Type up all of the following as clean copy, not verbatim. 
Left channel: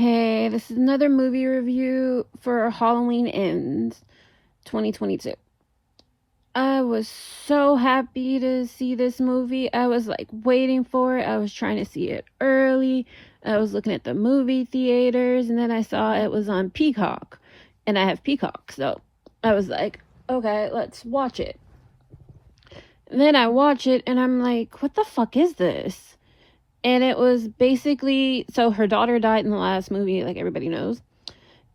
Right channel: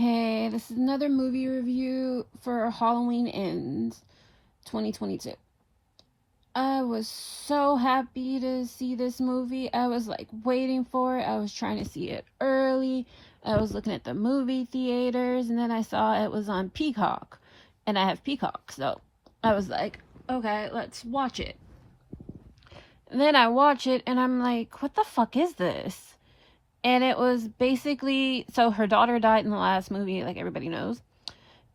Hey, this is another movie review for Halloween Ends 2022. I was so happy to see this movie. I was like waiting for it. I was trying to see it early. I was looking at the movie theaters, and then I saw it was on Peacock. And I have Peacock, so I was like, okay, let's watch it. And then I watch it, and I'm like, what the fuck is this? And it was basically, so her daughter died in the last movie, like everybody knows.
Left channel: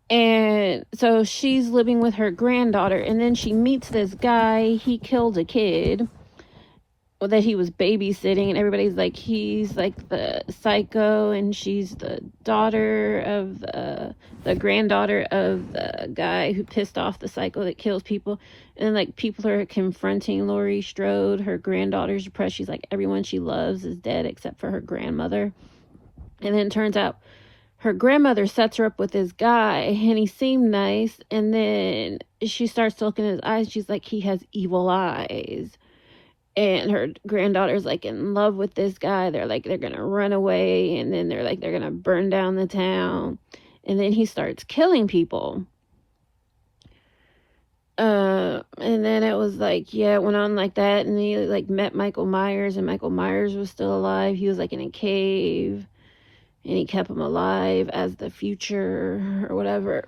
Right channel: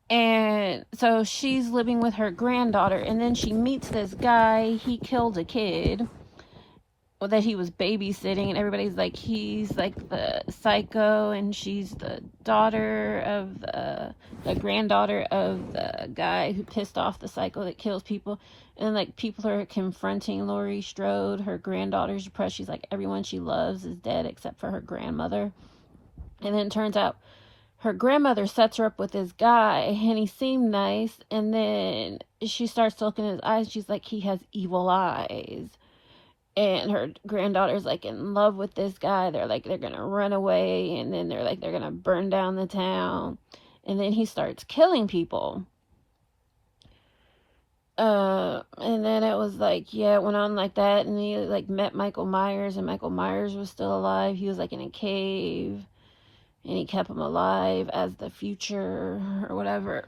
And so she's living with her granddaughter, and then she meets this guy. He killed a kid that he was babysitting, and everybody's like, he's like the psycho, and she's the daughter of the granddaughter of the guy who pissed off the psycho that kills people. And like people are confronting Laurie Strode. Her granddaughter's depressed. She's like, everyone she loves is dead except for her grandmother. And then it turns out her grandmother sets her up with this guy, and he seemed nice, and then she starts to look in his eyes. She's like, he has evil eyes. And her granddaughter's like in love with this guy. They're like, they're gonna run away, and then they're like, they're gonna burn down the town. And then he starts killing people. And then it was like, yeah, it went on like that, and he like met Michael Myers, and Michael Myers was still alive. He was like in a cave, and he kept him alive as the future or whatever.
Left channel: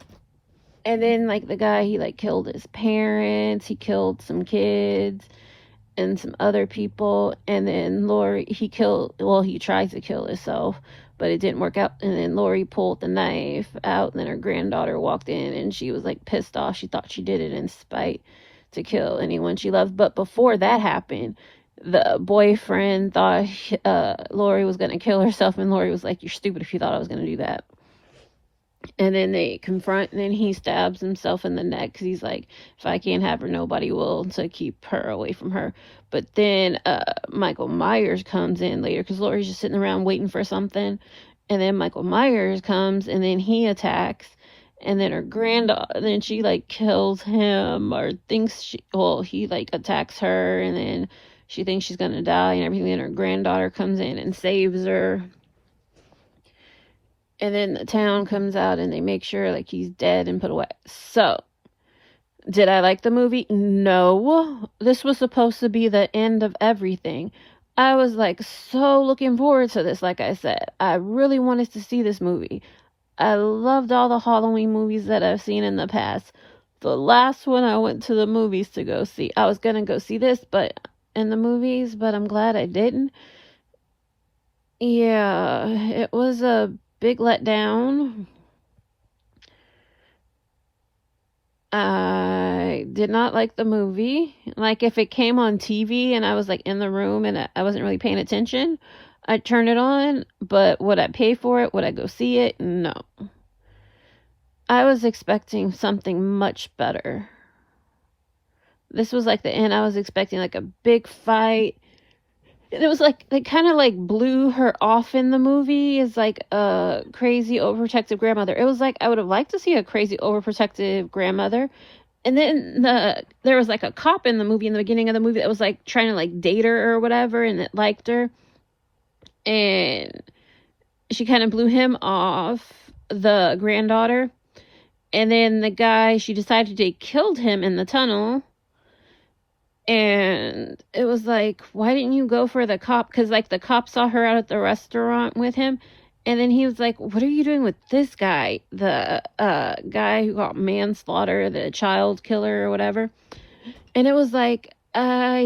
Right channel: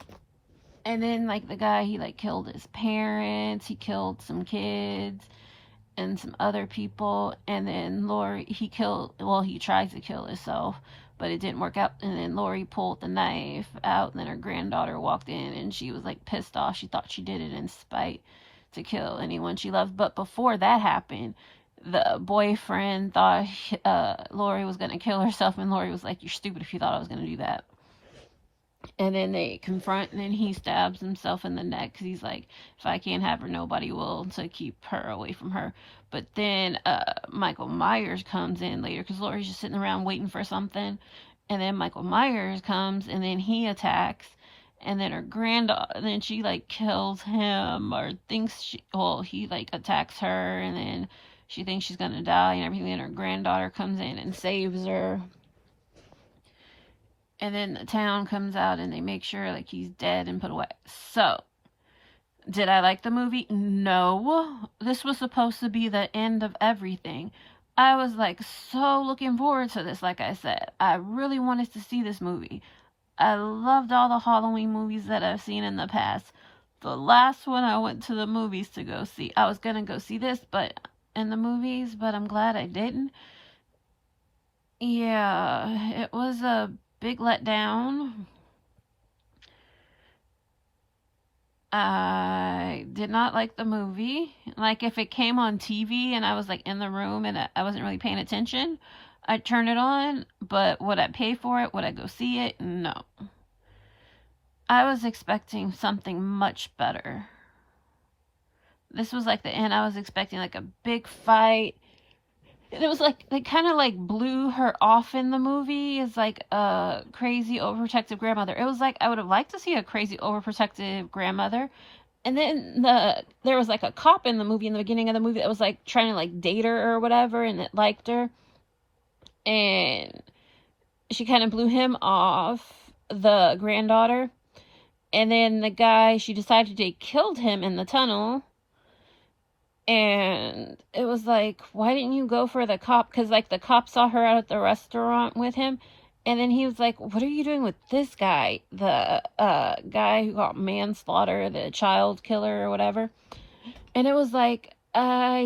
And then like the guy, he like killed his parents, he killed some kids and some other people. And then Laurie, he tried to kill himself, but it didn't work out. And then Laurie pulled the knife out, and then her granddaughter walked in, and she was like pissed off. She thought she did it in spite to kill anyone she loved. But before that happened, the boyfriend thought Laurie was gonna kill herself, and Laurie was like, you're stupid if you thought I was gonna do that. And then they confront, and then he stabs himself in the neck because he's like, if I can't have her, nobody will, to keep her away from her. But then Michael Myers comes in later because Laurie's just sitting around waiting for something. And then Michael Myers comes, and then he attacks. And then her granddaughter, then she like kills him, or thinks he like attacks her, and then she thinks she's gonna die and everything. And her granddaughter comes in and saves her. And then the town comes out, and they make sure like he's dead and put away. So, did I like the movie? No. This was supposed to be the end of everything. I was like so looking forward to this. Like I said, I really wanted to see this movie. I loved all the Halloween movies that I've seen in the past. The last one I went to the movies to go see, I was gonna go see this, but in the movies, but I'm glad I didn't. Yeah, it was a big letdown. I did not like the movie. Like, if it came on TV and I was like in the room and I wasn't really paying attention, I'd turn it on. But would I pay for it? Would I go see it? No. I was expecting something much better. This was like the end. I was expecting like a big fight. It was like they kind of like blew her off in the movie as like a crazy overprotective grandmother. It was like I would have liked to see a crazy overprotective grandmother. And then there was like a cop in the movie, in the beginning of the movie, that was like trying to like date her or whatever, and that liked her. And she kind of blew him off, the granddaughter. And then the guy, she decided they killed him in the tunnel. And it was like, why didn't you go for the cop? Because like the cop saw her out at the restaurant with him. And then he was like, what are you doing with this guy? The guy who got manslaughter, the child killer or whatever. And it was like, I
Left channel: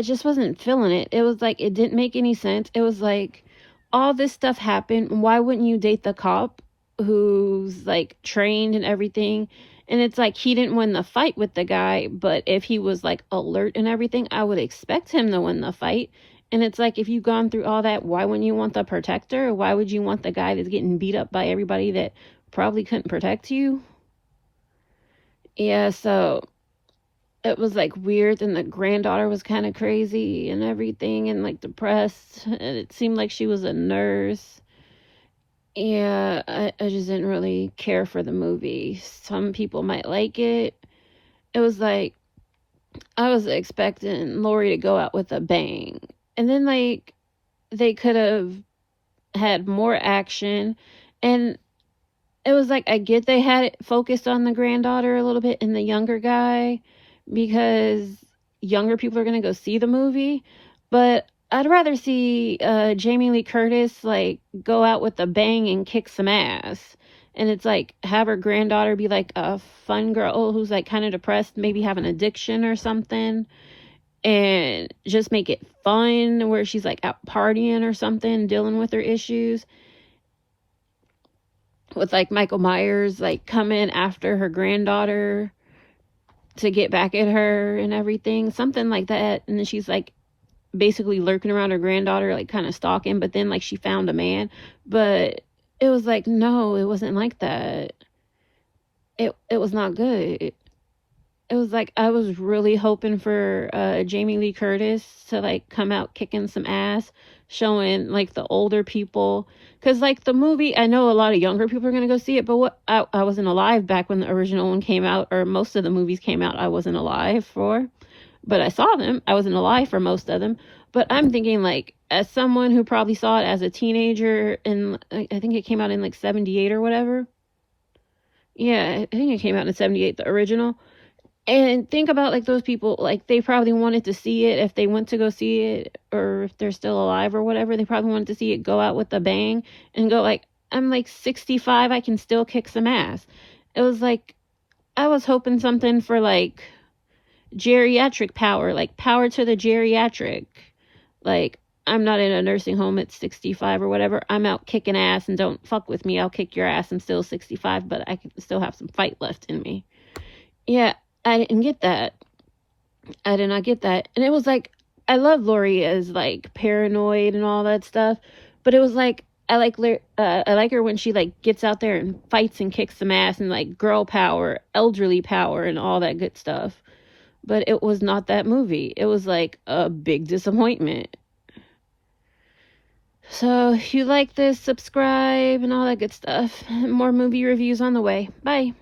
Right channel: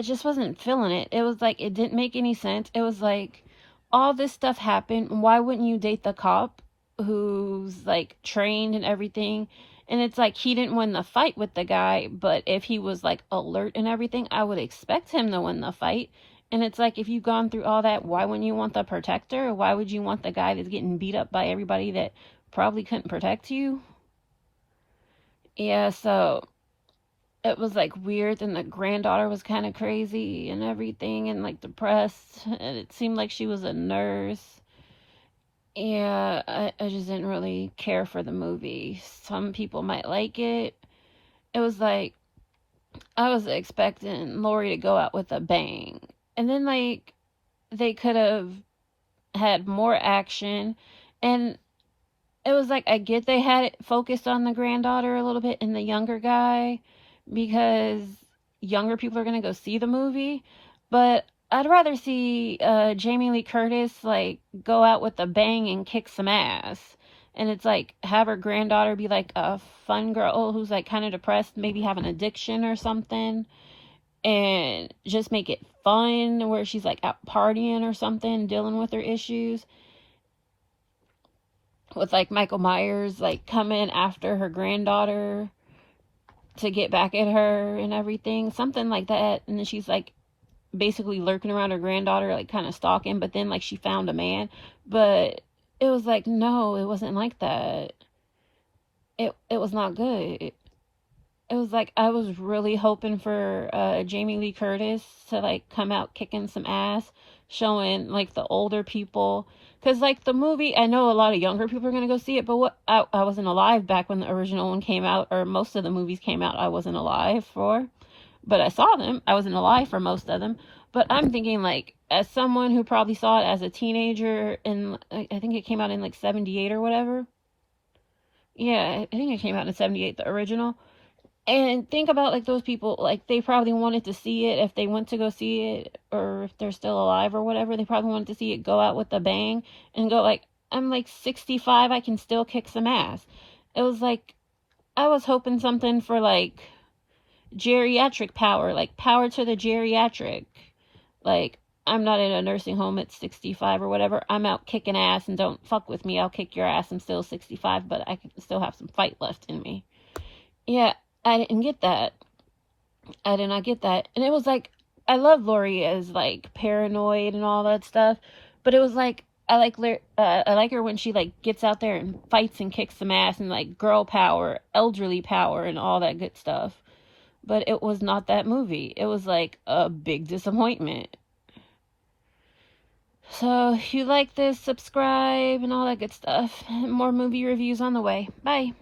just wasn't feeling it. It was like, it didn't make any sense. It was like, all this stuff happened. Why wouldn't you date the cop who's like trained and everything? And it's like, he didn't win the fight with the guy, but if he was like alert and everything, I would expect him to win the fight. And it's like, if you've gone through all that, why wouldn't you want the protector? Why would you want the guy that's getting beat up by everybody that probably couldn't protect you? Yeah, so it was like weird. And the granddaughter was kind of crazy and everything, and like depressed. And it seemed like she was a nurse. Yeah, I just didn't really care for the movie. Some people might like it. It was like, I was expecting Laurie to go out with a bang. And then, like, they could have had more action, and it was like, I get they had it focused on the granddaughter a little bit and the younger guy because younger people are gonna go see the movie, but I'd rather see Jamie Lee Curtis like go out with a bang and kick some ass. And it's like have her granddaughter be like a fun girl who's like kind of depressed, maybe have an addiction or something, and just make it fun where she's like out partying or something, dealing with her issues, with like Michael Myers like coming after her granddaughter to get back at her and everything, something like that. And then she's like basically lurking around her granddaughter, like kind of stalking, but then like she found a man. But it was like, no, it wasn't like that. It was not good. It was like I was really hoping for Jamie Lee Curtis to like come out kicking some ass, showing like the older people, because like the movie, I know a lot of younger people are gonna go see it, but what I wasn't alive back when the original one came out, or most of the movies came out. I wasn't alive for, but I saw them. I wasn't alive for most of them. But I'm thinking like as someone who probably saw it as a teenager, and I think it came out in like 78 or whatever. Yeah, I think it came out in 78, the original. And think about like those people, like they probably wanted to see it if they went to go see it, or if they're still alive or whatever, they probably wanted to see it go out with a bang and go like, I'm like 65, I can still kick some ass. It was like I was hoping something for like geriatric power, like power to the geriatric. Like, I'm not in a nursing home at 65 or whatever. I'm out kicking ass, and don't fuck with me. I'll kick your ass. I'm still 65, but I can still have some fight left in me. Yeah, I didn't get that. I did not get that. And it was like, I love Laurie as like paranoid and all that stuff, but it was like, I like her when she like gets out there and fights and kicks some ass and like girl power, elderly power, and all that good stuff. But it was not that movie. It was like a big disappointment. So if you like this, subscribe and all that good stuff. More movie reviews on the way. Bye.